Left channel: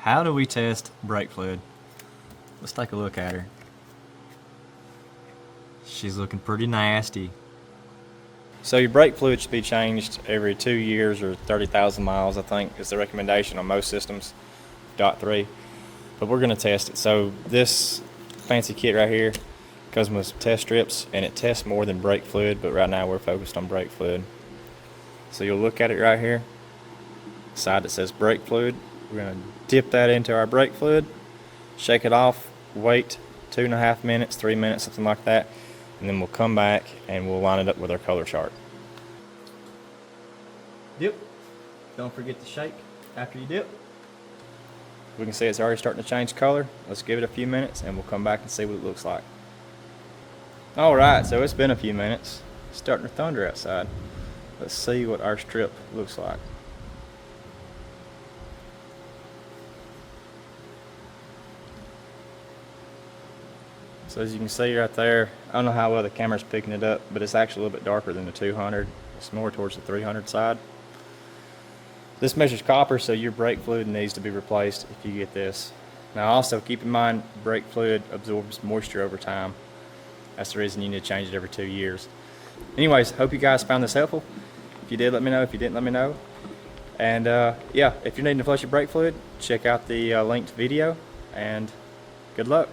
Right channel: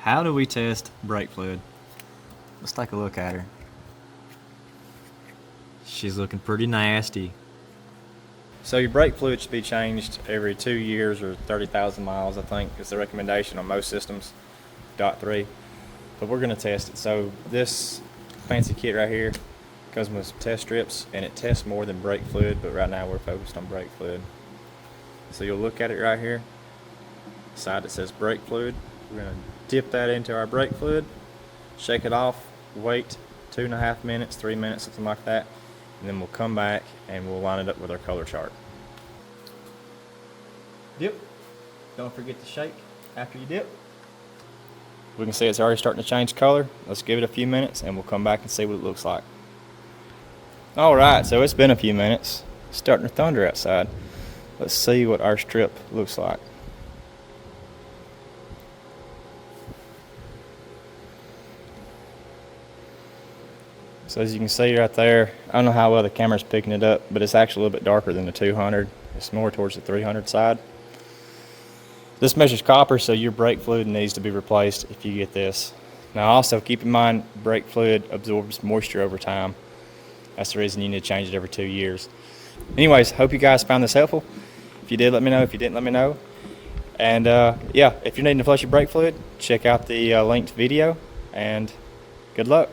How do we test brake fluid? Let's take a look at her. She's looking pretty nasty. So your brake fluid should be changed every 2 years or 30,000 miles, I think is the recommendation on most systems, .3. But we're gonna test it. So this fancy kit right here comes with some test strips, and it tests more than brake fluid, but right now we're focused on brake fluid. So you'll look at it right here, side that says brake fluid. We're gonna dip that into our brake fluid, shake it off, wait 2.5 minutes, 3 minutes, something like that, and then we'll come back and we'll line it up with our color chart. Dip. Don't forget to shake after you dip. We can see it's already starting to change color. Let's give it a few minutes and we'll come back and see what it looks like. Alright, so it's been a few minutes. It's starting to thunder outside. Let's see what our strip looks like. So as you can see right there, I don't know how well the camera's picking it up, but it's actually a little bit darker than the 200. It's more towards the 300 side. This measures copper, so your brake fluid needs to be replaced if you get this. Now also keep in mind, brake fluid absorbs moisture over time. That's the reason you need to change it every 2 years. Anyways, hope you guys found this helpful. If you did, let me know. If you didn't, let me know. And yeah, if you're needing to flush your brake fluid, check out the linked video, and good luck.